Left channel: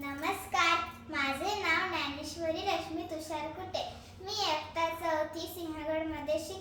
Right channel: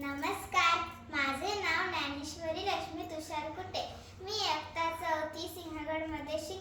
नमस्कार. माझे नाव ज्ञानेश्वरी रश्मी तुषार कुटे मी आत्ता चौथी सिंहगडमध्ये शिक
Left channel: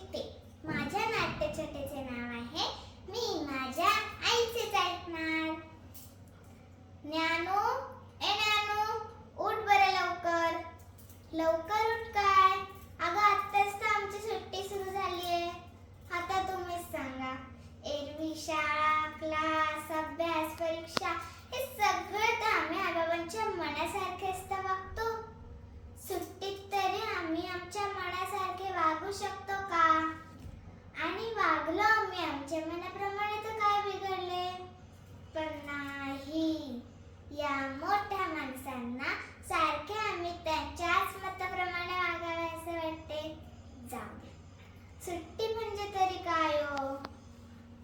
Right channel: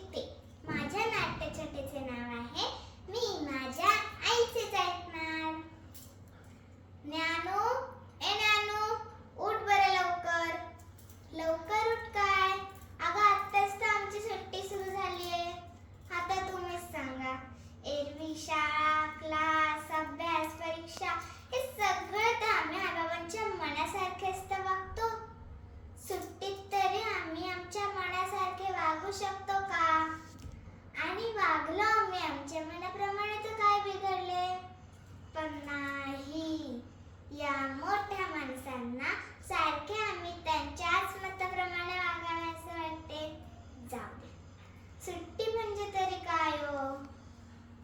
सुट्टी म्हणजे तरी काय हो?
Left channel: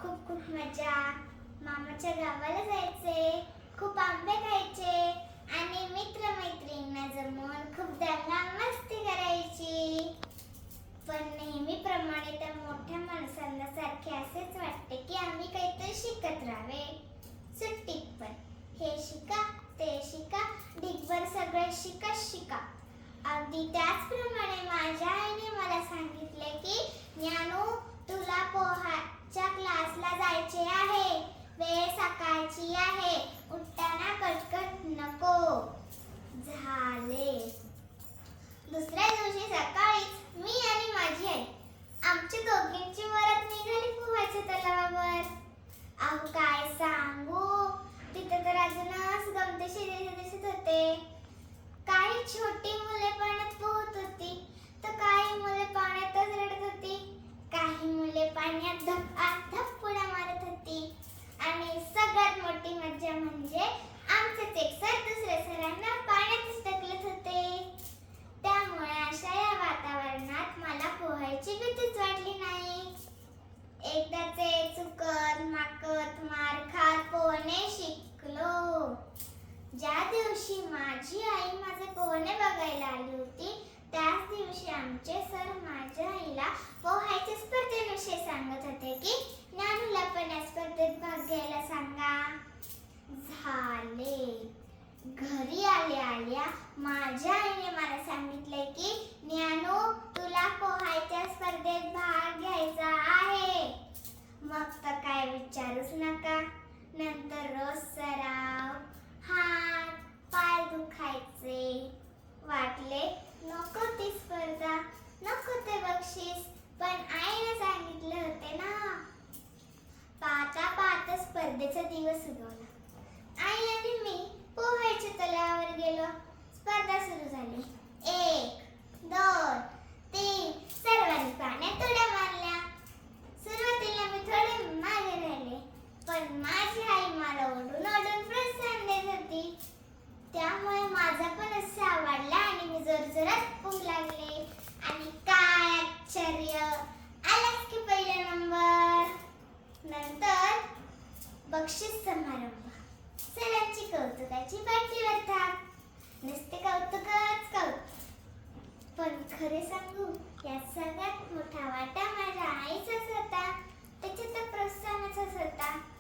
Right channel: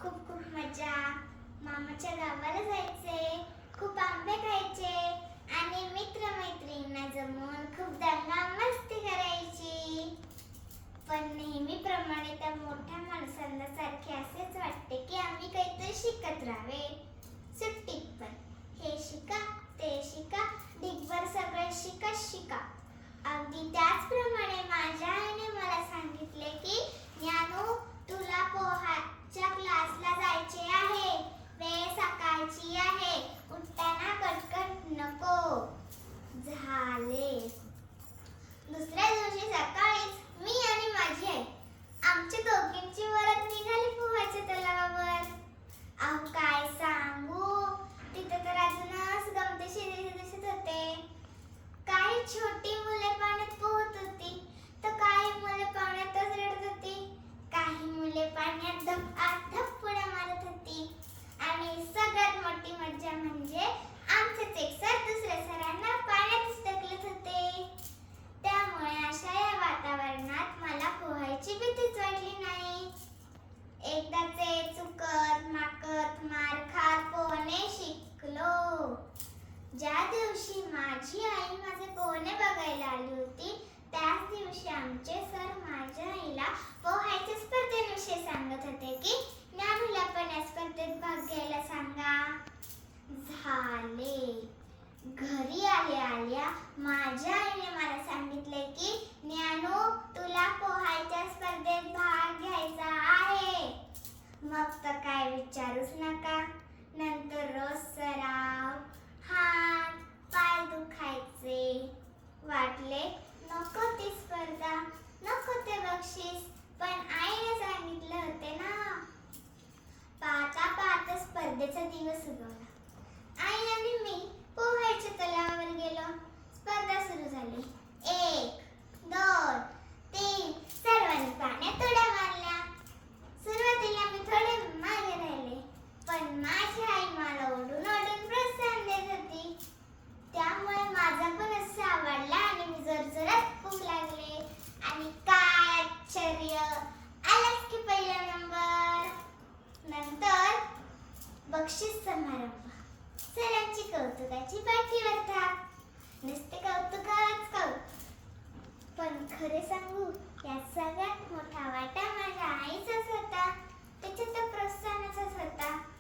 खूप खूप मजा. मामाच्या गावाला जायचे खूप आंबे खायचे आणि मित्र मैत्रिणींना जमून खूप दंगा मस्ती करायची. पण नेहमीप्रमाणे त्या मोठ्या माणसांना सारखे असेच वाटते की आम्ही काहीतरी शिकत राहावे. ज्या दिवशी माझी आई माझे पोहणे बघायला आली होती त्याच दिवशी आमचे सर माझ्या आईला पोहायच्या स्पर्धेविषयी सांगत होते की ज्ञानला पण या स्पर्धेत भाग घ्यायला सांगा. आनंद सुगवला आई आणि मी पोहायच्या तलावर गेलो. स्पर्धा सुरू झाली. एक दोन बक्षीस समारंभ. सरांची कौतुकाची पाठी भरतात. नुसते कौतुकच कौतुक. पण खरे सांगू यात सगळ्यात मोठा वाटा माझ्या आईचाच होता. त्याचे तर प्रोत्साहनाचाच होता.